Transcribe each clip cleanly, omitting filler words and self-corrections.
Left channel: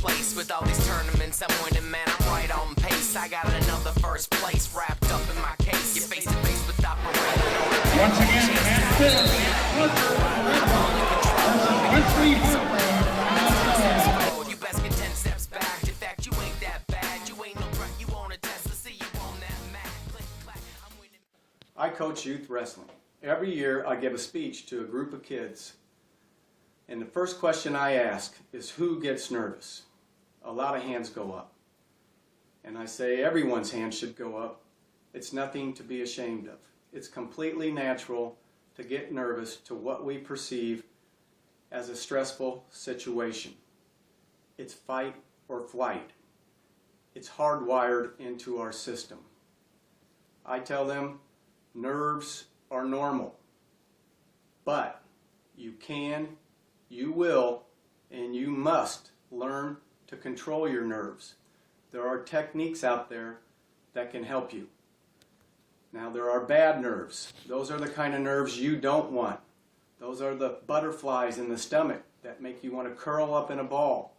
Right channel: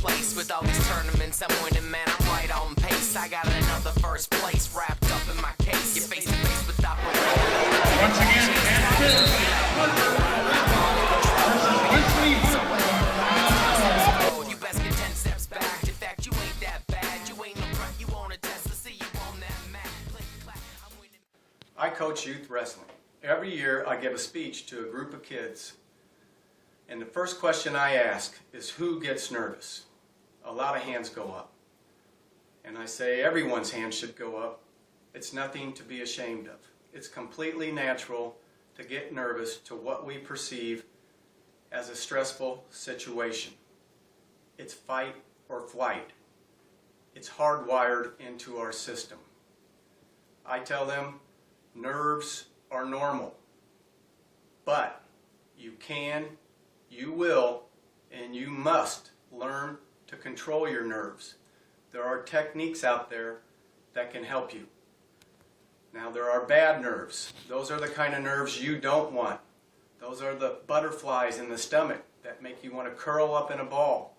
place. With all these tournaments I'm winning, man, I'm right on pace. I got another first place wrapped up in my case. You're face to face with operator, no chance to be like me. I'm all in control, I'm being so ahead of my 10 steps forward. You best get 10 steps back. In fact, you ain't that bad. You ain't no grunt, you want a test to see you on that mat. Click, clack, I'm winning. I coach youth wrestling. Every year I give a speech to a group of kids. And the first question I ask is, who gets nervous? A lot of hands go up. And I say everyone's hand should go up. It's nothing to be ashamed of. It's completely natural to get nervous to what we perceive as a stressful situation. It's fight or flight. It's hardwired into our system. I tell them nerves are normal, but you can, you will, and you must learn to control your nerves. There are techniques out there that can help you. Now, there are bad nerves. Those are the kind of nerves you don't want. Those are the butterflies in the stomach that make you want to curl up in a ball,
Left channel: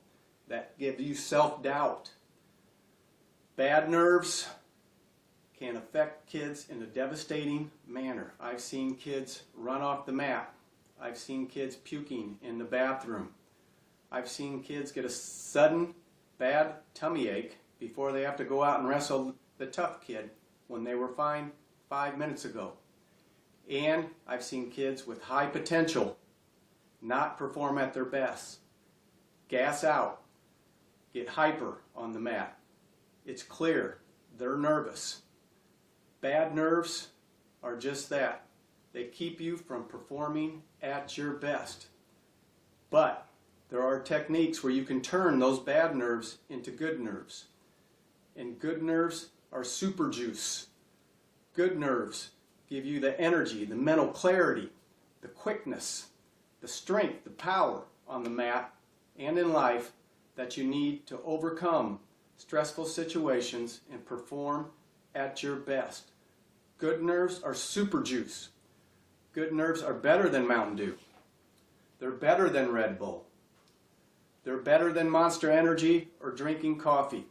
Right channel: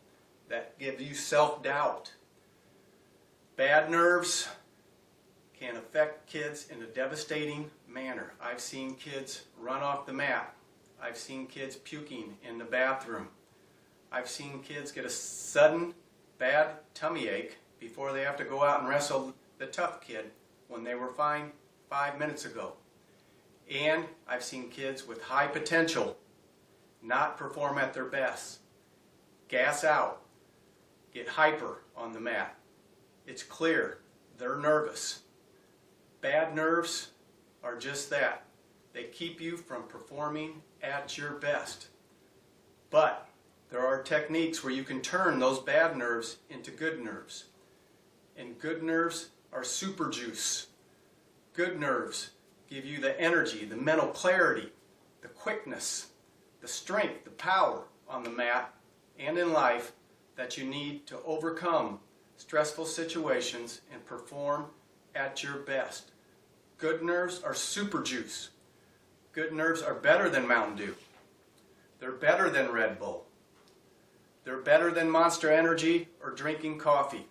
that give you self-doubt. Bad nerves can affect kids in a devastating manner. I've seen kids run off the mat. I've seen kids puking in the bathroom. I've seen kids get a sudden bad tummy ache before they have to go out and wrestle the tough kid when they were fine 5 minutes ago. And I've seen kids with high potential not perform at their best, gas out, get hyper on the mat. It's clear they're nervous. Bad nerves are just that. They keep you from performing at your best. But there are techniques where you can turn those bad nerves into good nerves. And good nerves are super juice. Good nerves give you the energy, the mental clarity, the quickness, the strength, the power on the mat and in life that you need to overcome stressful situations and perform at your best. Good nerves are super juice. Good nerves are better than Mountain Dew. They're better than Red Bull. They're better than Monster Energy or drinking coffee.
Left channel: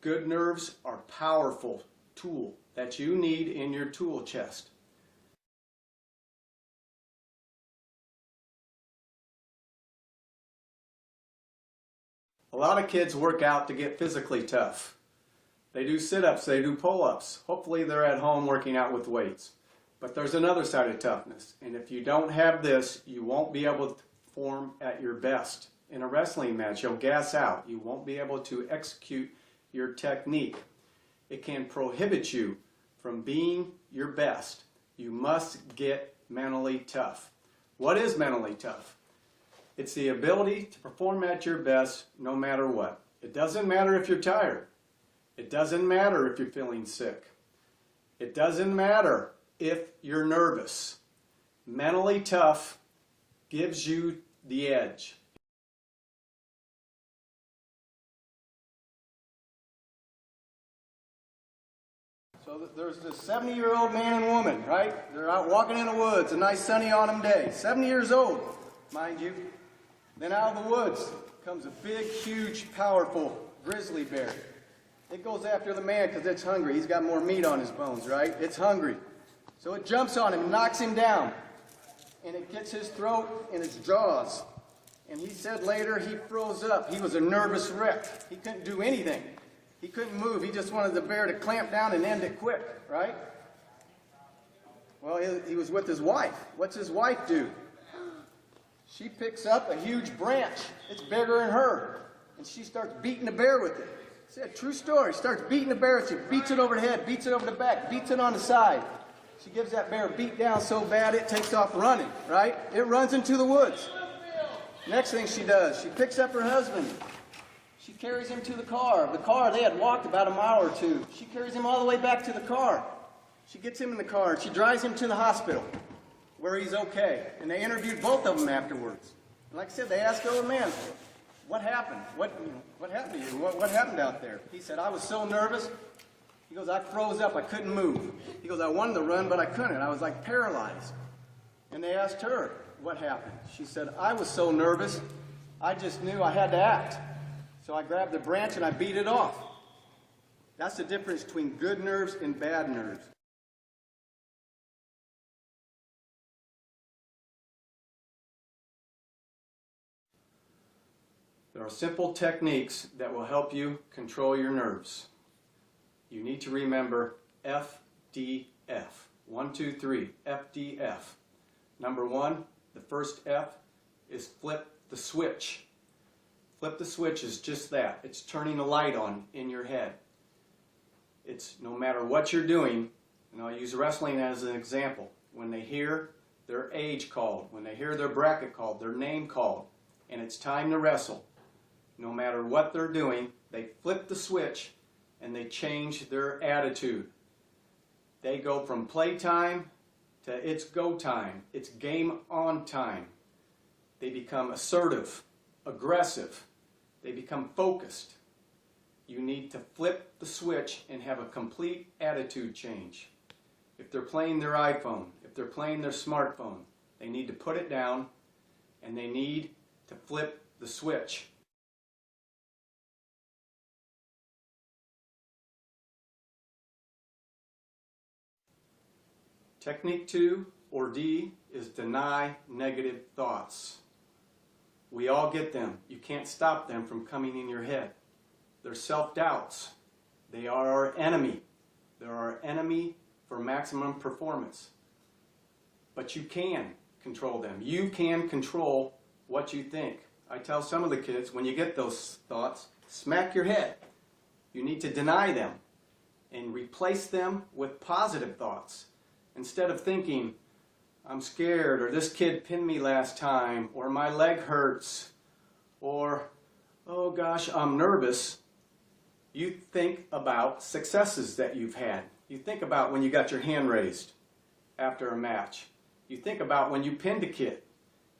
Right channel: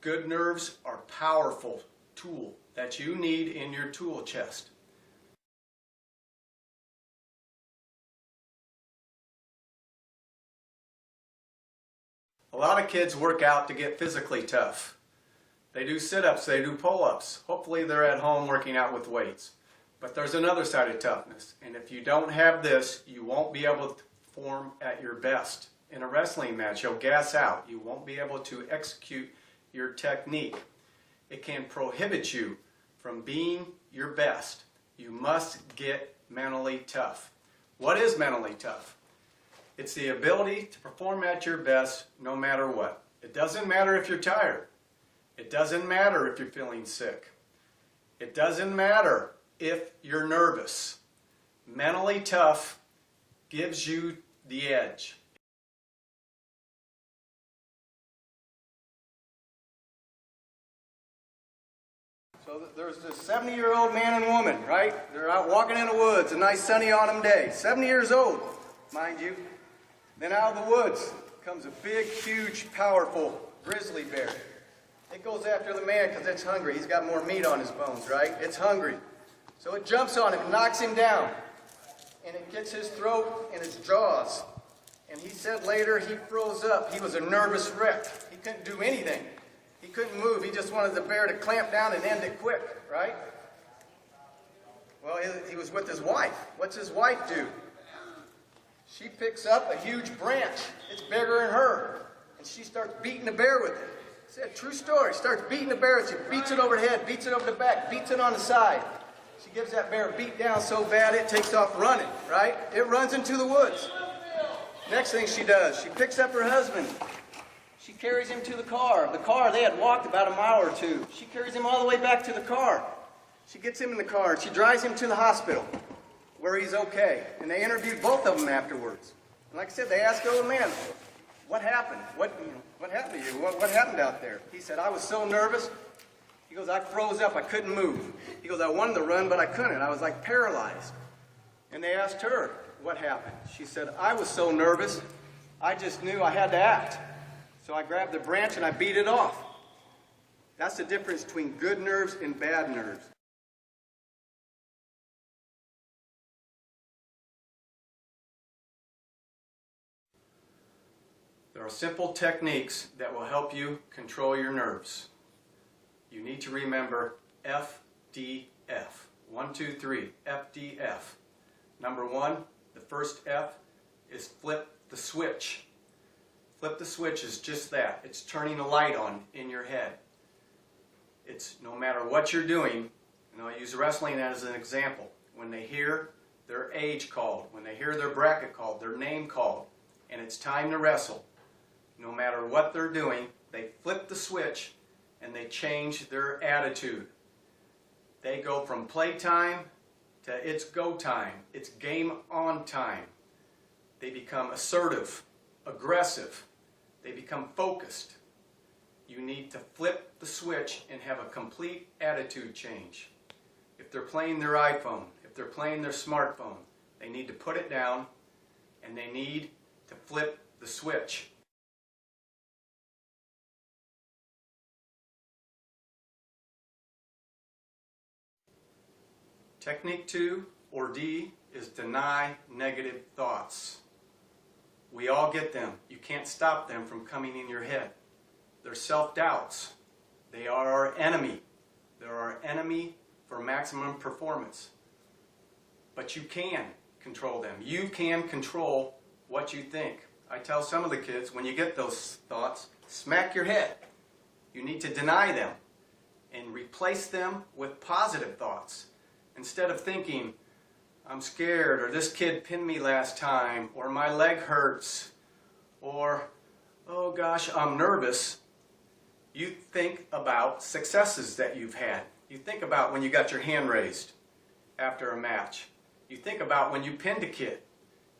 Good nerves are a powerful tool that you need in your tool chest. A lot of kids work out to get physically tough. They do sit-ups, they do pull-ups. Hopefully they're at home working out with weights. But there's another side of toughness. And if you don't have this, you won't be able to perform at your best. In a wrestling match, you'll gas out. You won't be able to execute your technique. It can prohibit you from being your best. You must get mentally tough. What is mentally tough? It's the ability to perform at your best no matter what. It doesn't matter if you're tired. It doesn't matter if you're feeling sick. It doesn't matter if you're nervous. Mentally tough gives you the edge. So there's this 70-year-old man and woman, right? They're out walking in the woods, a nice sunny autumn day. 70 years old, mind you. Then out of the woods comes a big, huge, powerful grizzly bear. It goes after the man because it's hungry. He's got more meat on his bones, right? It's hungry. So it jumps on him and knocks him down. And it gets his throat and his jaws. And he said later he froze up. He was a nervous wreck. He couldn't do anything. He couldn't move. He just wanted the bear to clamp down and end it quick, right? Well, he was with his wife. What's his wife do? She picks up a huge branch. It's bigger than her. And she starts beating the bear with it. It's a true story. Starts beating the bear. She beats it over the head, beats it over the back, beats it on the side. She gives that bear a beat down so bad it takes off running, right? It runs into the woods. Next thing she does, she picks up her husband. She carries him to the car. The car, they had walked about a mile or two. She carries him all the way back to the car. She gets him in the car and she drives him to the hospital where he's okay. And they interviewed both of them afterwards. And like I said, they asked the old man, what happened? What happened to you? What happened out there? He said, I was so nervous. He goes, I froze up. I couldn't move. He goes, I wanted to run, but I couldn't. I was like paralyzed. And they asked her, what happened? She said, I was so nervous, I just knew I had to act. So I grab the branch and I beat it off. That's the difference between good nerves and bad nerves. There are simple techniques that will help you control your nerves. You need to remember FDF. 1, 2, 3, FDF. Number 1, the first F is flip the switch. Flip the switch is just that. It's turning a light on in your head. It's no matter what you're doing, and I'll use wrestling as an example. When they hear their age called, when they hear their bracket called, their name called, and it's time to wrestle, no matter what they're doing, they flip the switch and they change their attitude. They go from playtime to it's go time, it's game on time. They become assertive, aggressive, they become focused. You need to flip the switch and have a complete attitude change. If they're playing their iPhone, if they're playing their smartphone, they need to put it down and they need to flip the switch. Technique 2, or D, is deny negative thoughts. We all get them. You can't stop them from coming in your head. They're self-doubts. They are our enemy. They're our enemy for maximum performance. But you can control them. You can control what you think. I tell some of the kids, when you get those thoughts, smack your head. You need to deny them and replace them with positive thoughts. Instead of thinking, I'm scared, or this kid pinned me last time, or my leg hurts, or, oh gosh, I'm nervous, you think about successes that you've had. You think about when you got your hand raised after a match. You think about when you pinned a kid.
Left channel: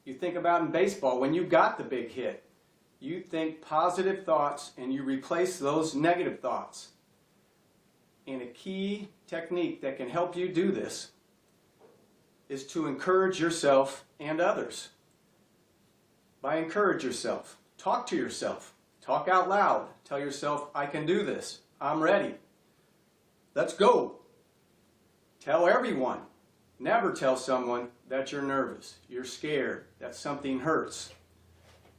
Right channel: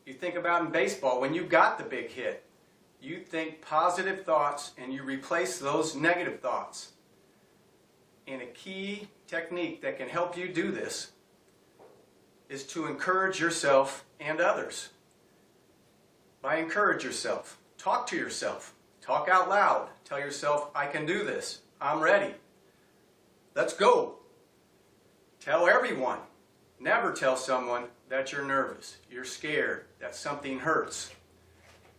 You think about in baseball when you got the big hit. You think positive thoughts and you replace those negative thoughts. And a key technique that can help you do this is to encourage yourself and others. By encourage yourself, talk to yourself, talk out loud, tell yourself, I can do this, I'm ready, let's go. Tell everyone, never tell someone that you're nervous, you're scared, that something hurts.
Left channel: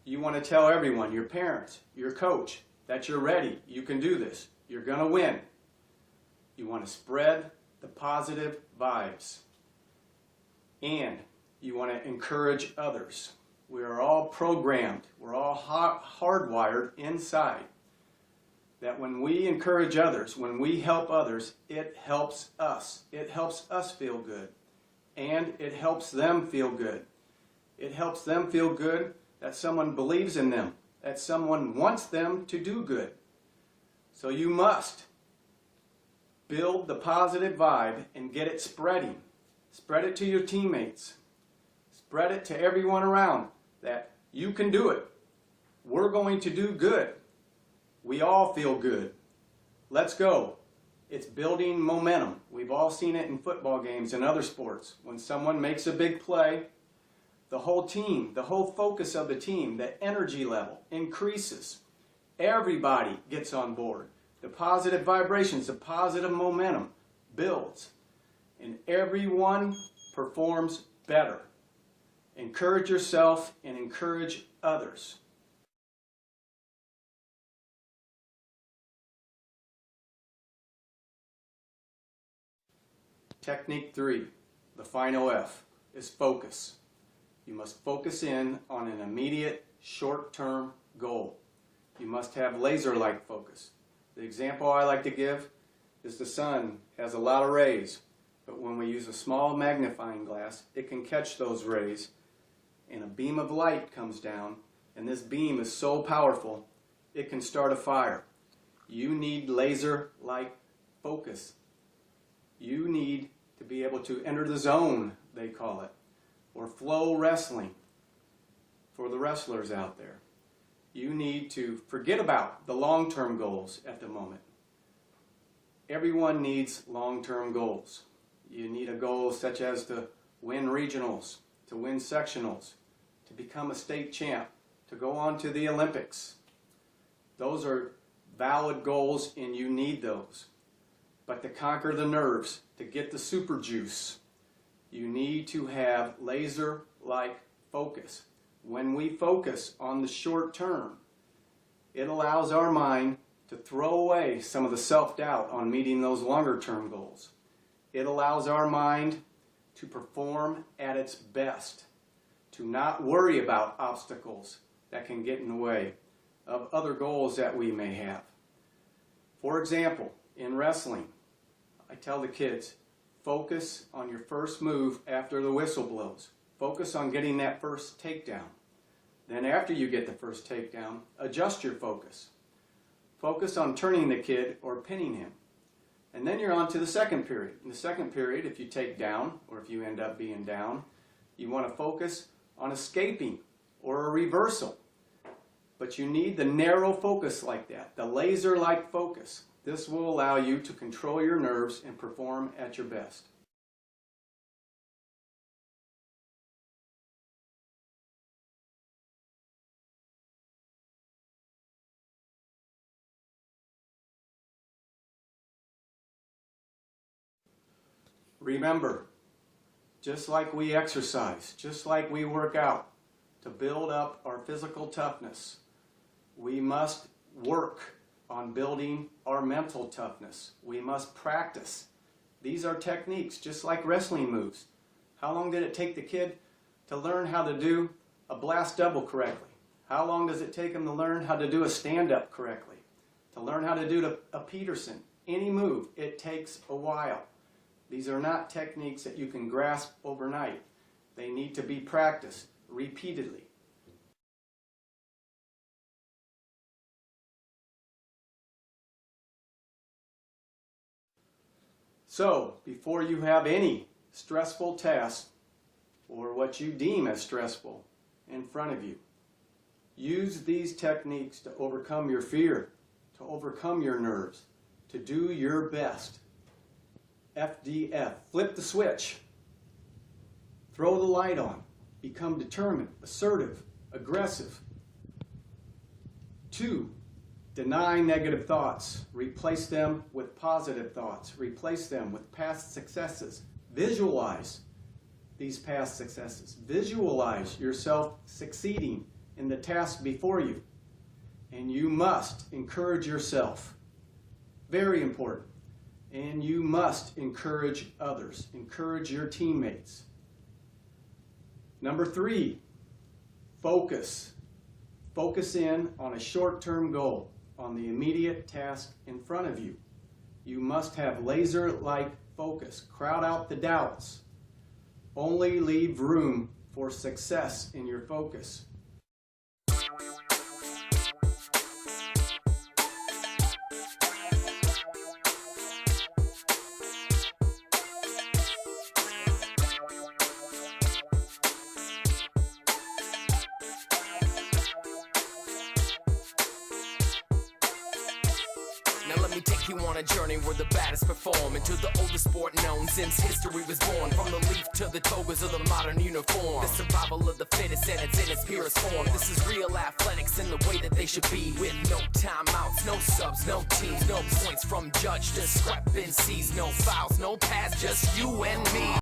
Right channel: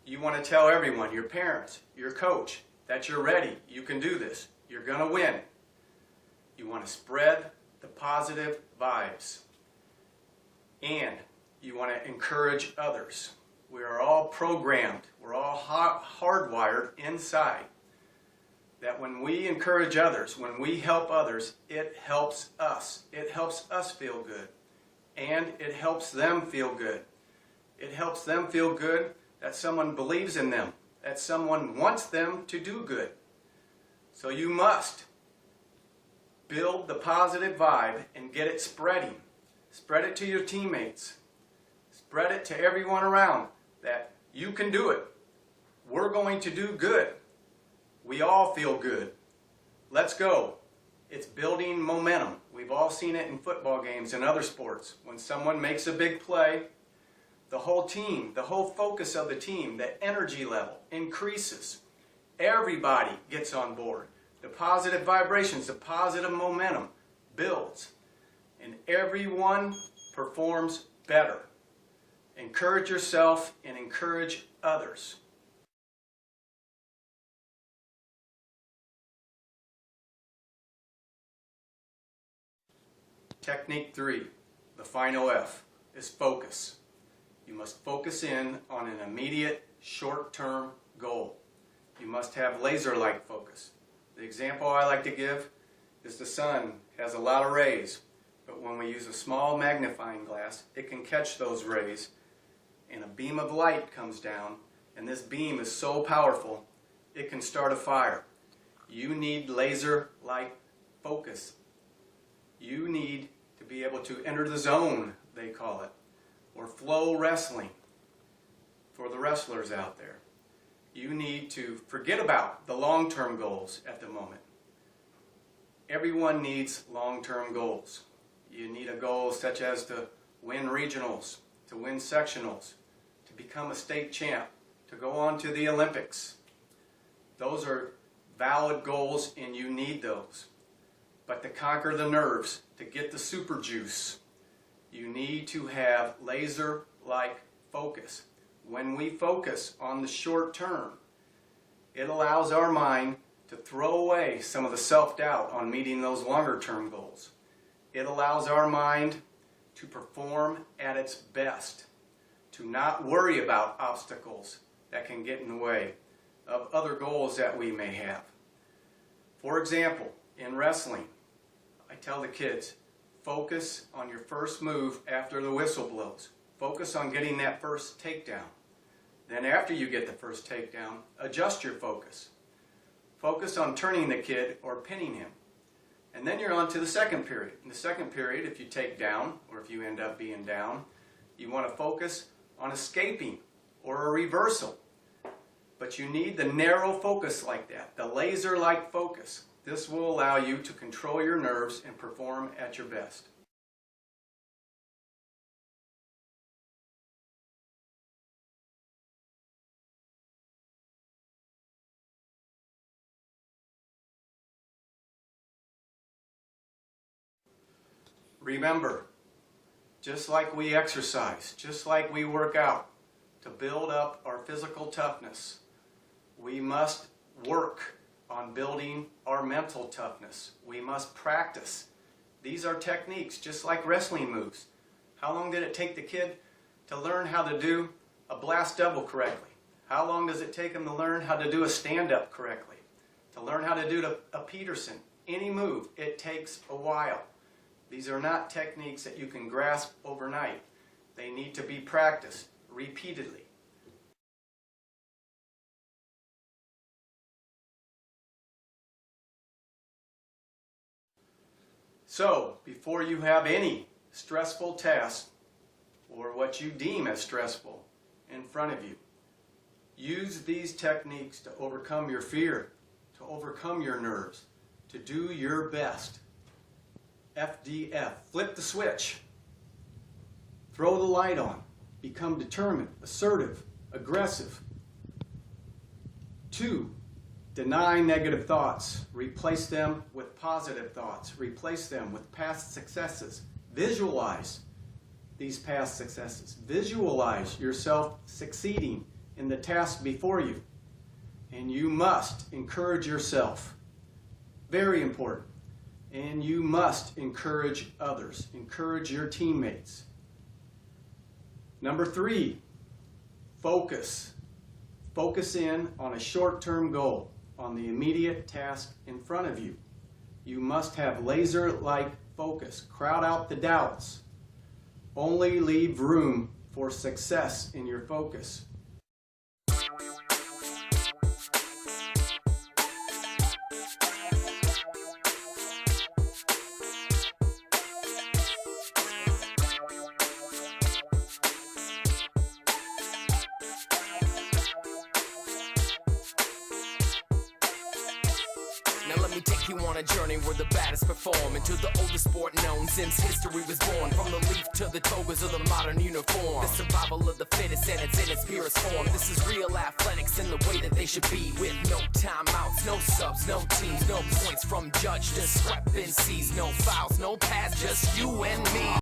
You want to tell everyone, your parents, your coach, that you're ready, you can do this, you're going to win. You want to spread the positive vibes. And you want to encourage others. We are all programmed, we're all hardwired inside that when we encourage others, when we help others, it helps us. It helps us feel good. And it helps them feel good. It helps them feel good that someone believes in them, that someone wants them to do good. So you must build the positive vibe and get it spreading. Spread it to your teammates. Spread it to everyone around that you can do it. We're going to do good. We all feel good. Let's go. It's building momentum. We've all seen it in football games and other sports. When someone makes a big play, the whole team, the whole focus of the team, the energy level increases. Everybody gets on board. The positive vibrations, the positive momentum builds. And everyone performs better. Encourage yourself and encourage others. Technique 3, the final F, is focus. You must focus in on an immediate, short-term goal. You must have laser-like focus. The example I like to give is the sun has a lot of rays. But when we use a small magnifying glass, it can catch those rays, and a beam of light comes down, and this beam is so powerful, it can start a fire. You need laser-like focus. You need to be able to enter the zone, they call it, or flow wrestling for the wrestlers out there. You need to forget about the long-term goals at the moment. Everyone needs long-term goals. You need a goal such as to win regionals, to win sectionals, to become a state champ, to go on to the Olympics. Those are valid goals and you need those. But to conquer the nerves, to get the super juice, you need to have laser-like focus. When we focus on the short term, it allows our mind to throw away some of the self-doubt on meeting those longer-term goals. It allows our mind to perform at its best, to not worry about obstacles that can get in the way of other goals that we may have. For example, in wrestling, I tell the kids, focus on your first move after the whistle blows. Focus on getting that first takedown. Then after you get the first takedown, adjust your focus. Focus on turning the kid or pinning him. And then you're on to the second period. In the second period, if you take down, or if you end up being down, you want to focus on escaping or a reversal. But you need the narrow focus like that, the laser-like focus. This will allow you to control your nerves and perform at your best. Remember, just like we exercise, just like we work out to build up our physical toughness, we must work on building our mental toughness. We must practice. These are techniques, just like wrestling moves. How long did it take the kid to learn how to do a blast double correctly? How long does it take him to learn how to do a stand-up correctly? To learn how to do a Peterson? Any move, it takes a while. These are not techniques that you can grasp overnight. They need to be practiced repeatedly. So, before you have any stressful task, or what you deem as stressful, in front of you, use these techniques to overcome your fear, to overcome your nerves, to do your best. FDF, flip the switch, throw the light on, become determined, assertive, aggressive. 2, deny negative thoughts, replace them with positive thoughts, replace them with past successes. Visualize these past successes. Visualize yourself succeeding in the task before you. And you must encourage yourself. Very important. And you must encourage others. Encourage your teammates. Number 3, focus. Focus in on a short-term goal, on the immediate task in front of you. You must have laser-like focus. Crowd out the doubts. Only leave room for success in your focus. Now let me take you on a journey where the baddest perform into the oldest sport known since history was born. From the leaf to the togas of the modern uniform, the survival of the fittest and it's in its purest form. This is real athletics in the way that they should be, with no timeouts, no subs, no teams, no points from judge discrepancies, no fouls, no pass, just you and me.